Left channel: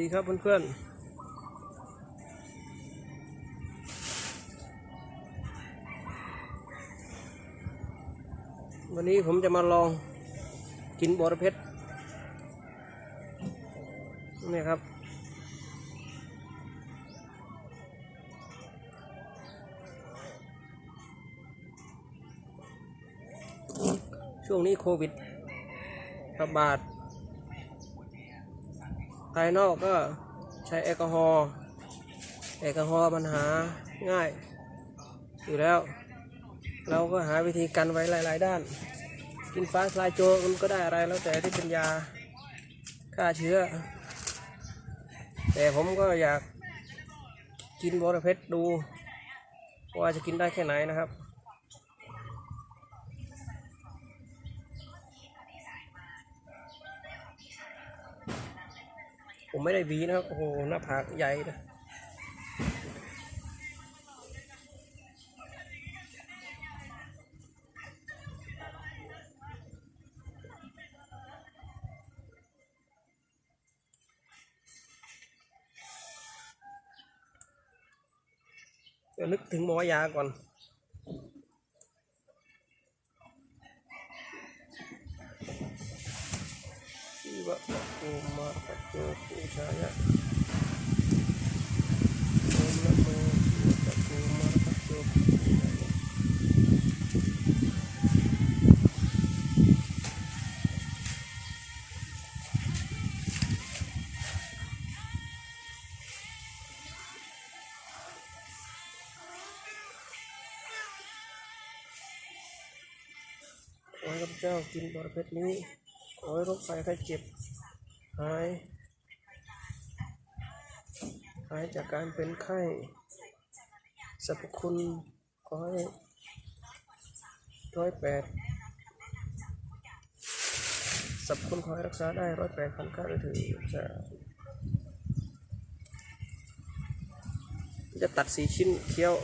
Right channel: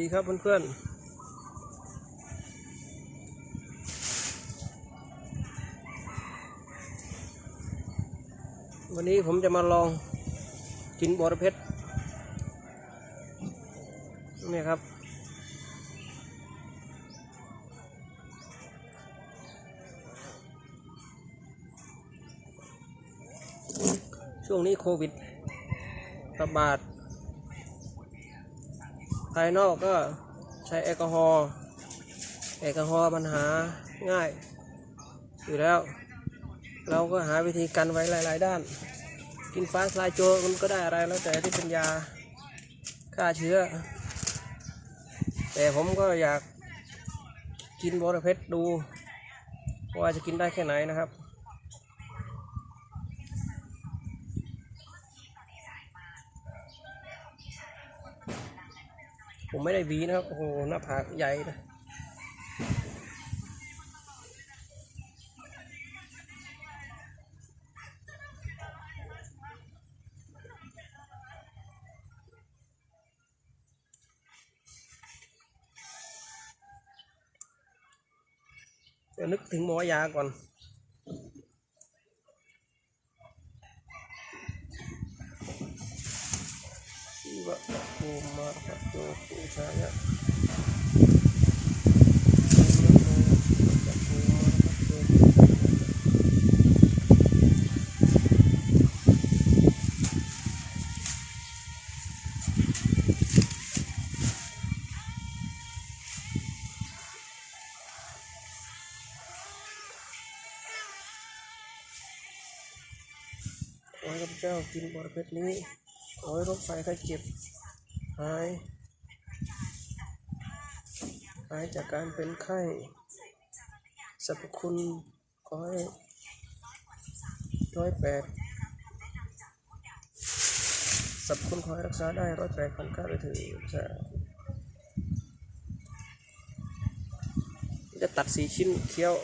ดีครับเพื่อนๆ วันนี้ผมจะมาลองกินบอระเพ็ดนี่ครับ ช่วงนี้โควิดระบาด ภายนอกก็ใช้แอลกอฮอล์แอลกอฮอล์มันหาง่ายอยู่แล้ว เราก็หาวิธีกันไว้หลาย ๆ ด้าน กินฟ้าทลายโจรมันก็ได้อะไรแล้วแต่ที่เป็นยาฆ่าเชื้อ แต่ผมก็อยากกินบอระเพ็ดดู ว่าจะกินได้แค่ไหนนะครับ ผมไม่ได้วีนะครับโอ้โหหน้าผากใหญ่นะเดี๋ยวนึกถึงหมอยาก่อน ยะขอให้ข้าพเจ้ากินบรเพชรนี้ขอให้โรคไฟไข้เจ็บ หายหายจากการเป็นไข้สรรพคุณขอให้ร้อยแปดสรรพคุณขอให้รักษาได้ร้อยแปดพันเก้าเลยถือจะจะตัดสีชิ้นเคี้ยว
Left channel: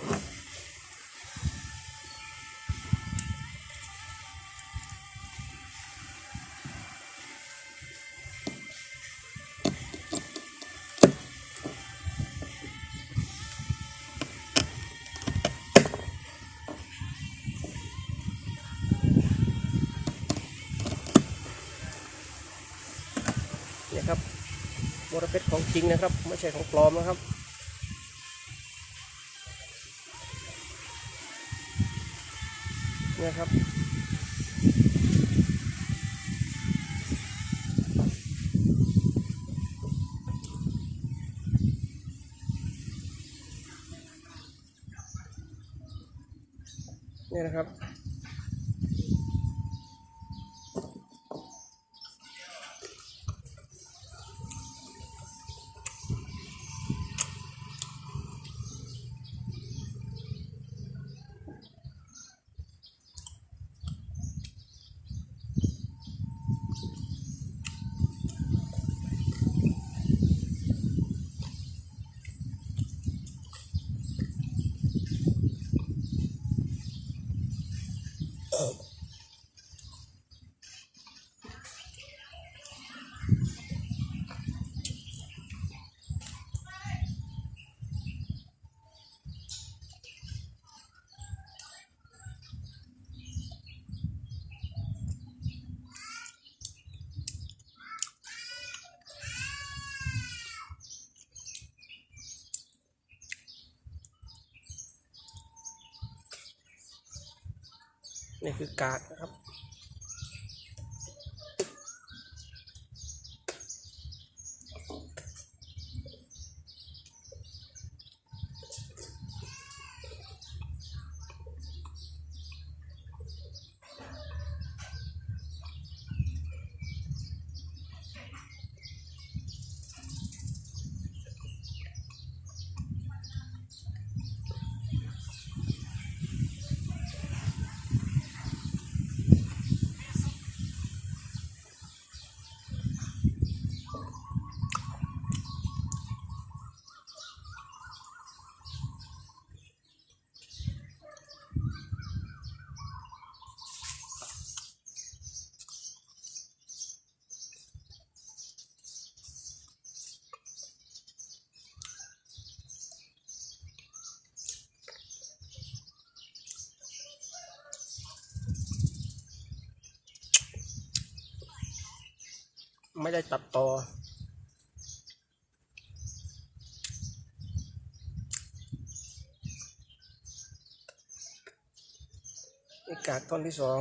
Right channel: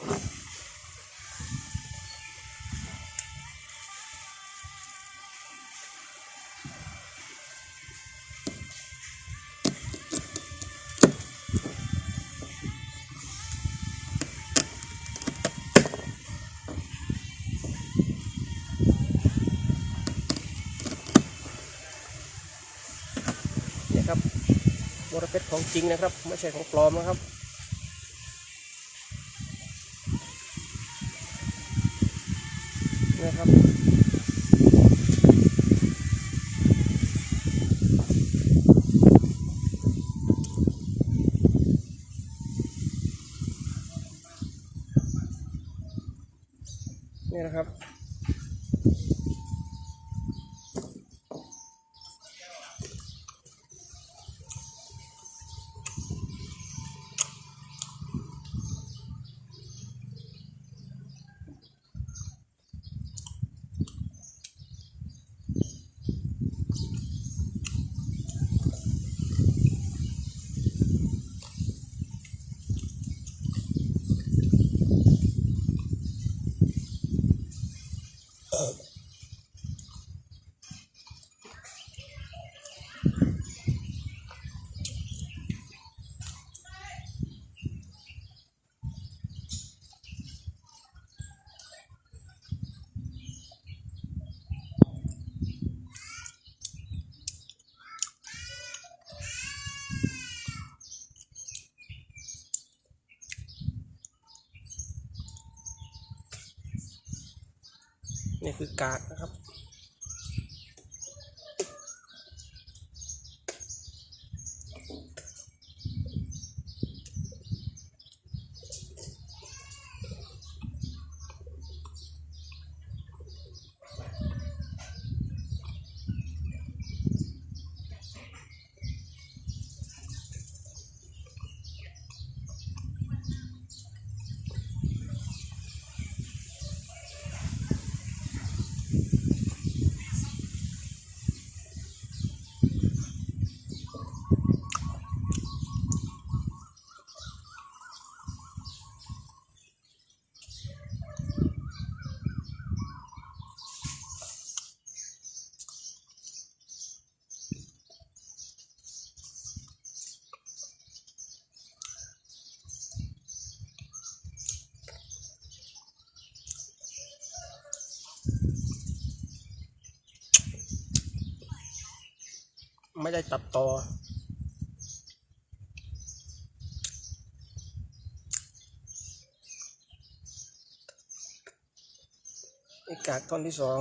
ริงนะครับ ไม่ใช่ของปลอมนะครับนะครับ นี่คือกากนะครับ ไม่ได้ตัดต่อนี่กากท่อนที่สอง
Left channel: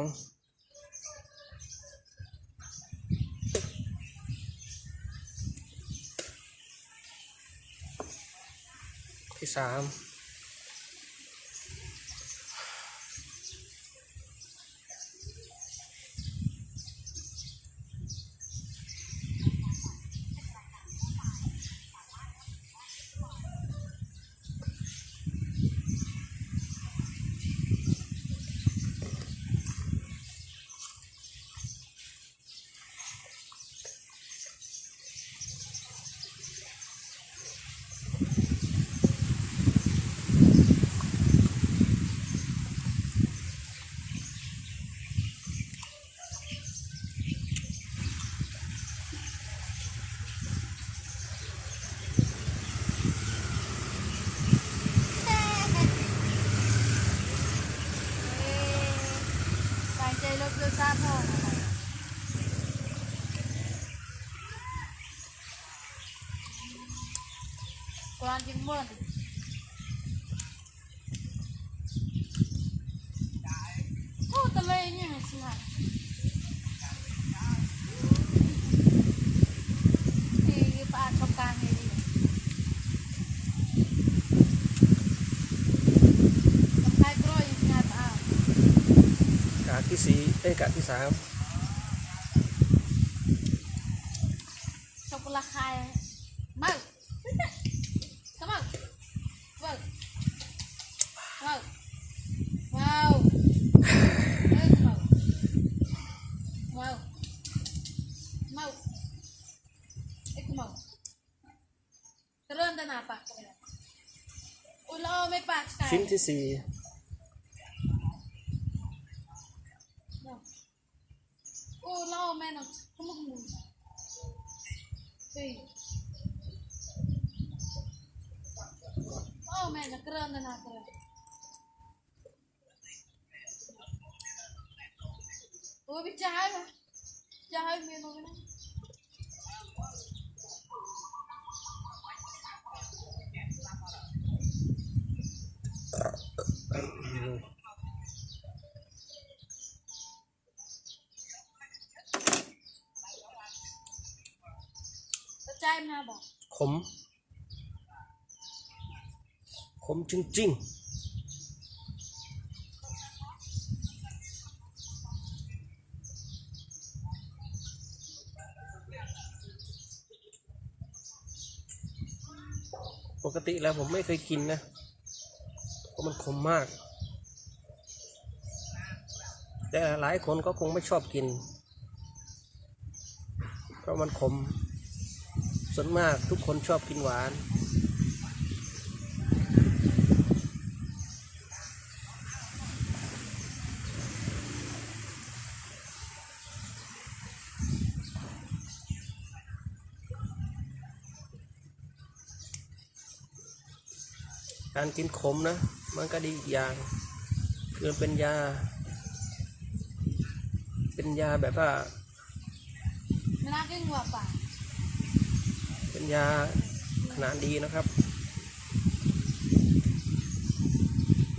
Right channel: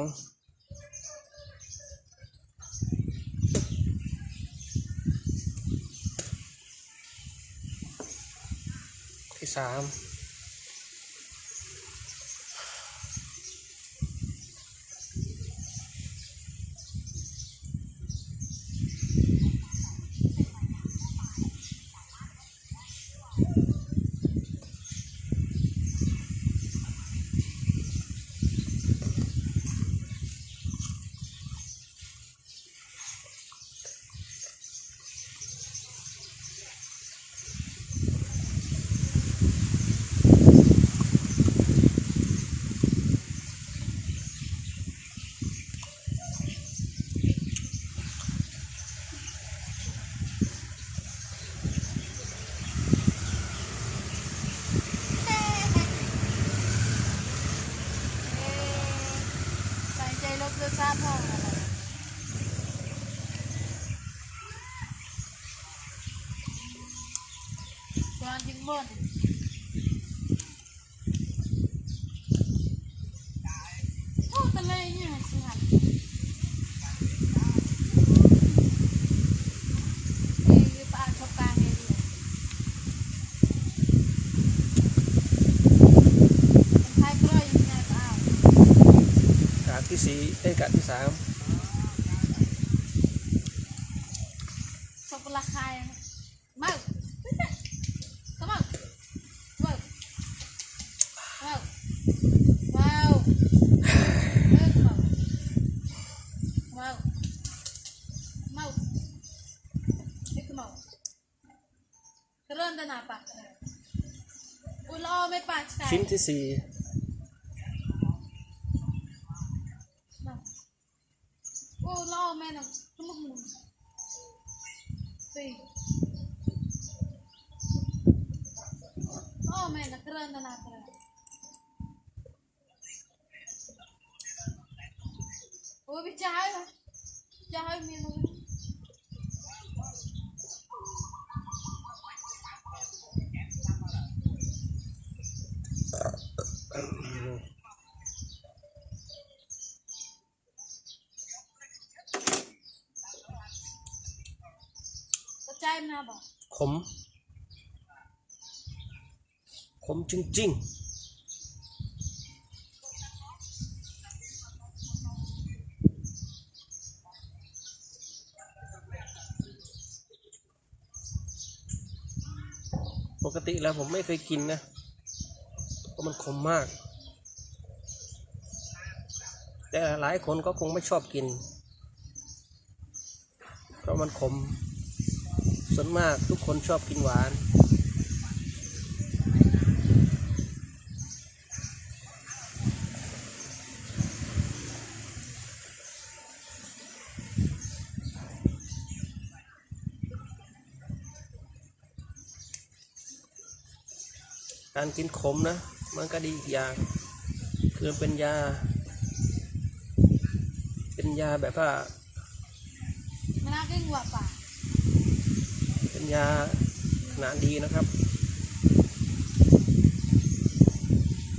ที่สาม เอ๊ะ ใส่ใจรถเรือซาพ่องอะไรกรานจึงเมื่อนโอ้ตะเลยเนี่ยสิหันเอ้ยปาดเข้ากลางเลยดิมันคล้ายกล้วยยังไงเปล่า กาก ที่สี่เอ้ยกากที่สามช็อกโกแลตคายเมาเข้ามาเมาเมาเมาเอ้ยเมาเมาเมาเอ้ยเมากระเริ่มตนาปากเริ่มอุ้ยล้อไม่ปากใช่ชิ้นที่สี่ โอ้ล้อแม่น่ะขมุกมึงสี่ Oh man, nagkaroon na natin. Oh, bi chahay ba? Chahay mo yun mo Sa chahay mo na ba? ขม ขมจริง ๆปกติแล้วผมไม่เคยกินนะ เพราะมันขมมาก แต่หลายคนก็คงไม่ชอบกิน เพราะมันขม ส่วนมากทุกคนชอบกินหวาน การกินขมนะ มันก็ดีอีกอย่าง คือเป็นยา เป็นยาแบบว่า Malaking guwapa. เป็น ยาขนาดดีนะครับ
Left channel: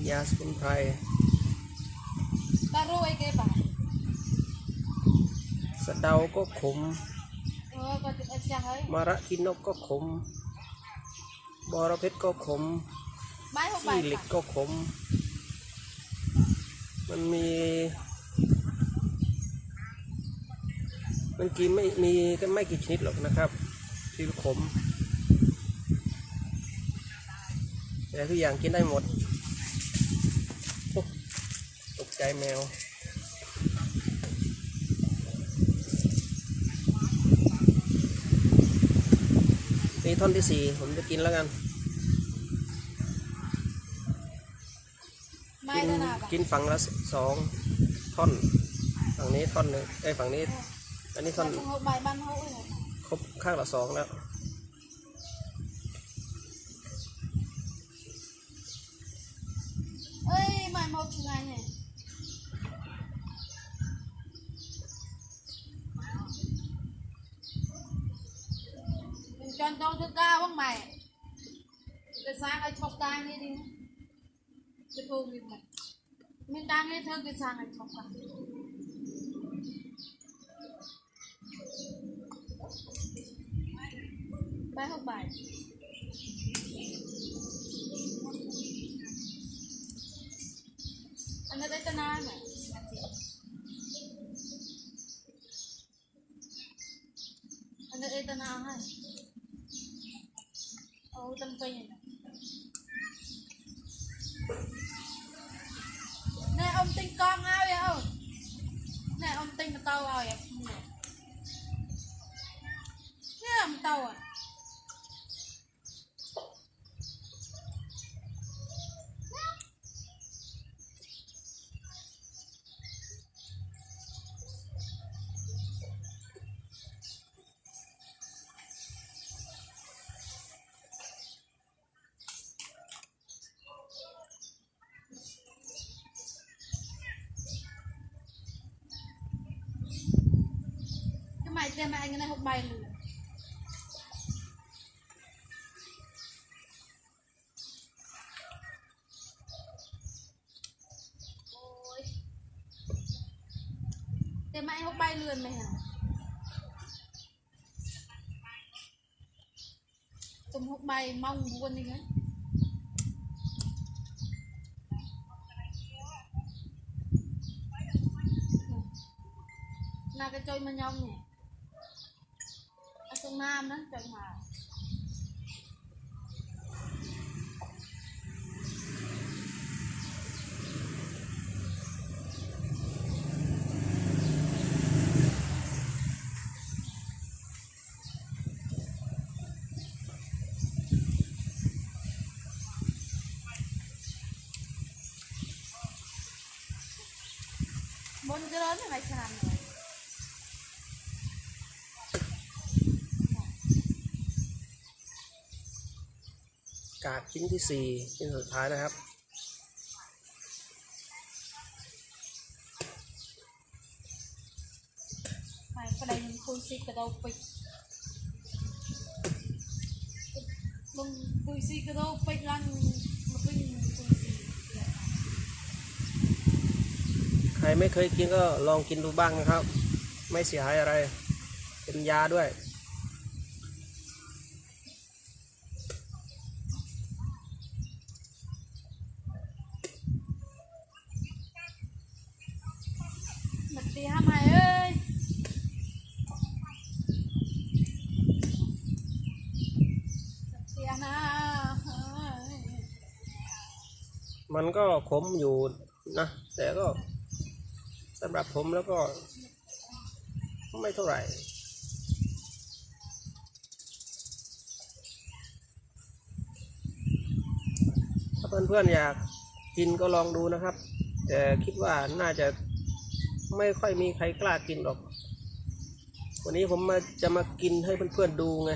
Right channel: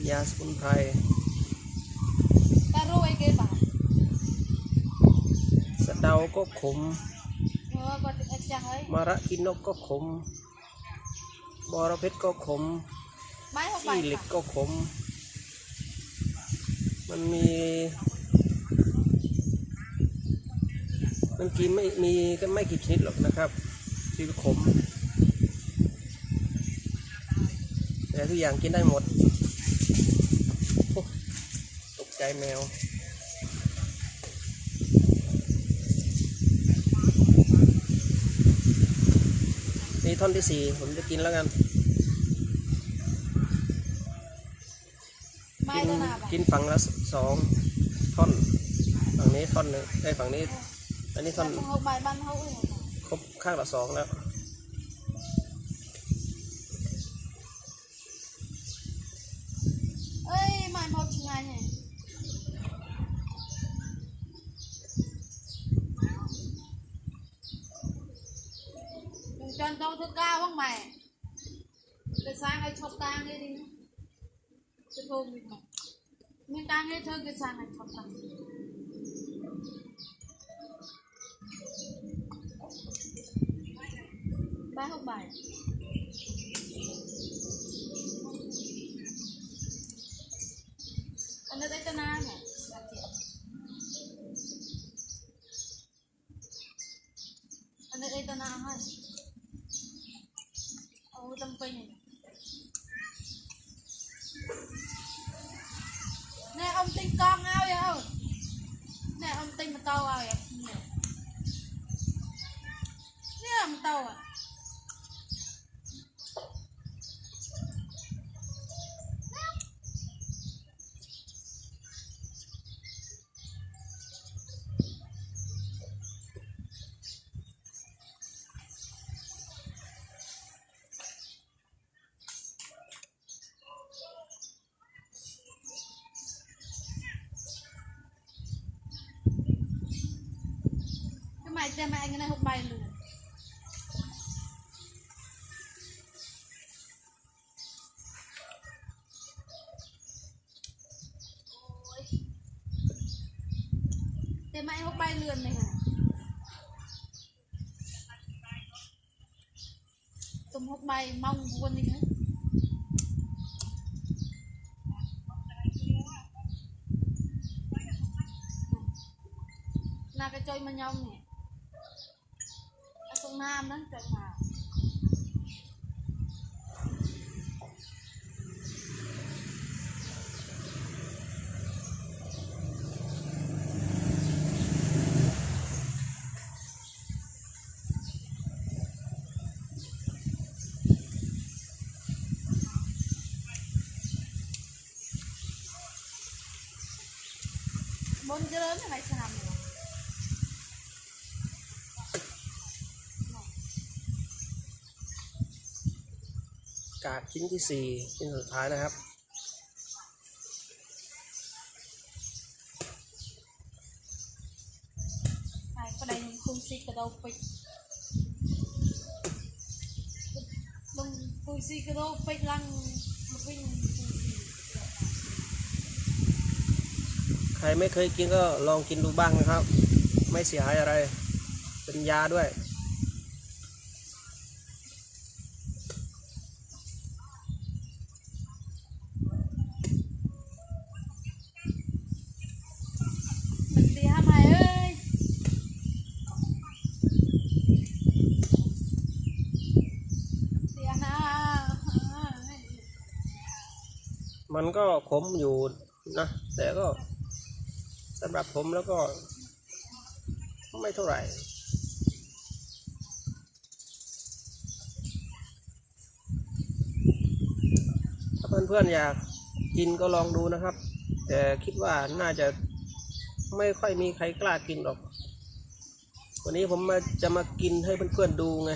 ยาสมุนไพร Taro ay kay ba? สะเดาก็ขม Oh, pati at chahay. มาระกินนกก็ขม บอระเพ็ดก็ขม May ho ขี้เหล็ก ba? ก็ขม มันมี มันกินไม่มีกันไม่กี่ชนิดหรอกนะครับ ที่ขมแต่ทุกอย่างกินได้หมดโอ้ตกใจแมวนี่ท่อนที่สี่ผมจะกินแล้วกัน กิ May น na na ba? กินฝั่งละสสองท่อน ฝั่งนี้ท่อนหนึ่งไอ้ยฝั่งนี้ อันนี้ท่อน ข้างละสองแล้วเอ้ยมันหถึงานเนี่ยเป็นจนโตทุกก้าวบ้างใหม่จะสร้างให้ชอบตางนี่ดิจะโทรมีไหมมีตางนี่เธอจะสร้างให้ชอบตาง 3 học bài. này tem anh cái này không bay luôn tem anh không bay lượn mày hả? Tôm hốc bay mong vuông đi cái là cái chơi mà nhông này nam đó trơn màu Bon, grandes, mas ดชิ้นที่สี่ชิ้นสุดท้ายนะครับ Này, cái đây mình khui xì cái đầu bịch Bông khui xì cái đầu bịch lăng Mà bình khui xì ใครไม่เคยกินก็ลองกินดูบ้างนะครับ ไม่เสียหายอะไร เป็นยาด้วย มันก็ขมอยู่นะ แต่ก็สำหรับผมแล้วก็ ไม่เท่าไหร่ถ้าเพื่อนๆอยากกินก็ลองดูนะครับ แต่คิดว่าน่าจะไม่ค่อยมีใครกล้ากินหรอก วันนี้ผมมาจะมากินให้เพื่อนๆดูไง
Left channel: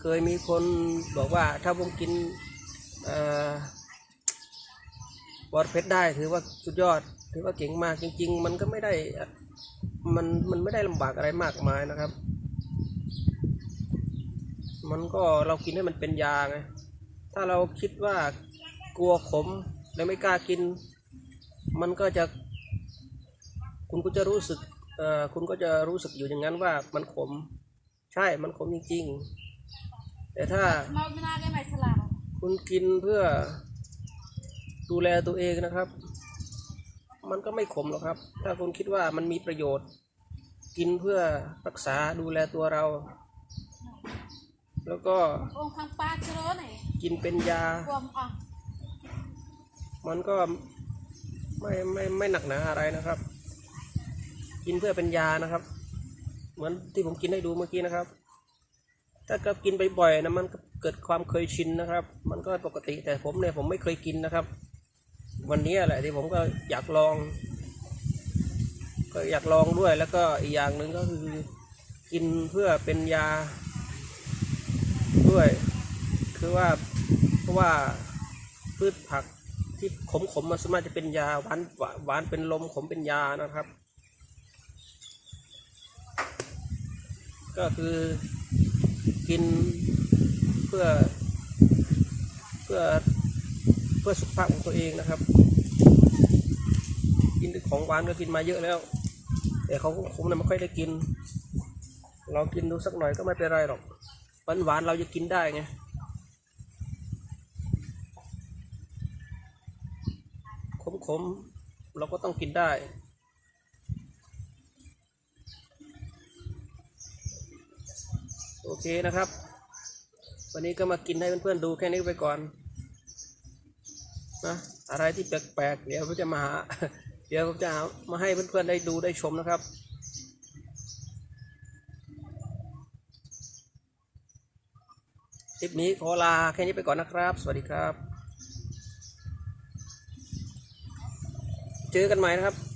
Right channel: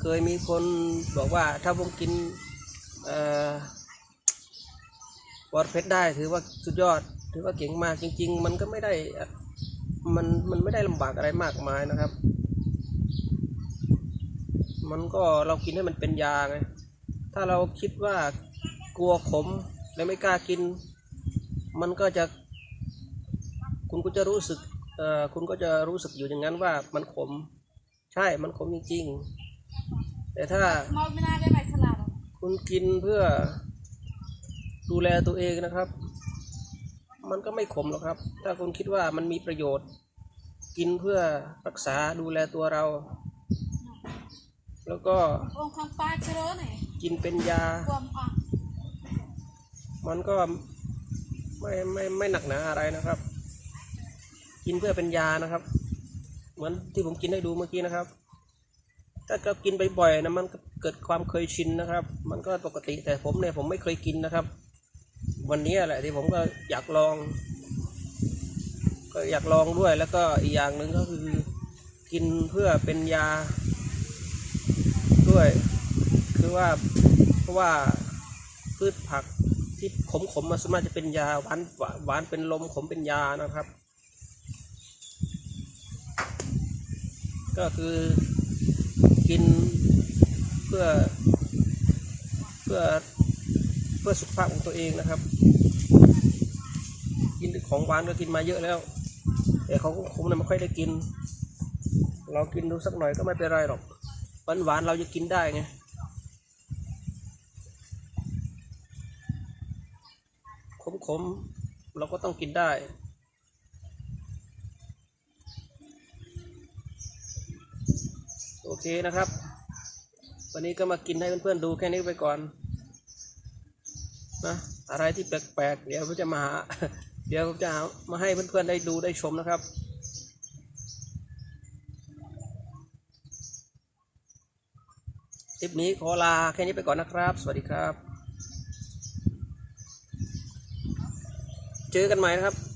เคยมีคนบอกว่าถ้าผมกินเอ่อ วอดเพชรได้ถือว่าสุดยอด ถือว่าเก่งมากจริง ๆ มันก็ไม่ได้มันมันไม่ได้ลำบากอะไรมากมายนะครับ มันก็เรากินให้มันเป็นยาไงถ้าเราคิดว่ากลัวขมและไม่กล้ากิน มันก็จะ คุณก็จะรู้สึกเอ่อคุณก็จะรู้สึกอยู่อย่างนั้นว่ามันขม ใช่มันขมจริง ๆ แต่ถ้า Mau bên này cái mày sẽ làm không? คุณกินเพื่อ ดูแลตัวเองนะครับ มันก็ไม่ขมหรอกครับ ถ้าคุณคิดว่ามันมีประโยชน์ กินเพื่อรักษาดูแลตัวเรา แล้วก็ Ông khang pa chớ này กินเป็นยา Gồm à มันก็ไม่ไม่ไม่หนักหนาอะไรนะครับ กินเพื่อเป็นยานะครับ เหมือนที่ผมกินให้ดูเมื่อกี้นะครับ ถ้าก็กินบ่อยๆนะมันก็เกิดความเคยชินนะครับ มันก็ปกติแต่ผมเนี่ยผมไม่เคยกินนะครับ วันนี้แหละที่ผมก็อยากลอง ก็อยากลองด้วยแล้วก็อีกอย่างหนึ่งก็คือ กินเพื่อเป็นยา ด้วย คือว่าเพราะว่าพืชผักที่ขมๆมมันสามารถจะเป็นยาหวานหวานเป็นลมขมเป็นยานะครับ ก็คือกินเพื่อเพื่อ พื่อสุขภาพของตัวเองนะครับ กินของหวานก็กินมาเยอะแล้ว แต่เขาคงไม่ค่อยได้กิน เรากินดูสักหน่อยก็ไม่เป็นไรหรอกหวานหวานเราจะกินได้ไงขมขมๆเราก็ต้องกินได้โอเคนะครับ วันนี้ก็มากินให้เพื่อนๆดูแค่นี้ไปก่อน นะอะไรที่แปลกๆเดี๋ยวผมจะมาหา เดี๋ยวผมจะมาให้เพื่อนๆได้ดูได้ชมนะครับคลิปนี้ขอลาแค่นี้ไปก่อนนะครับ สวัสดีครับ เจอกันใหม่นะครับ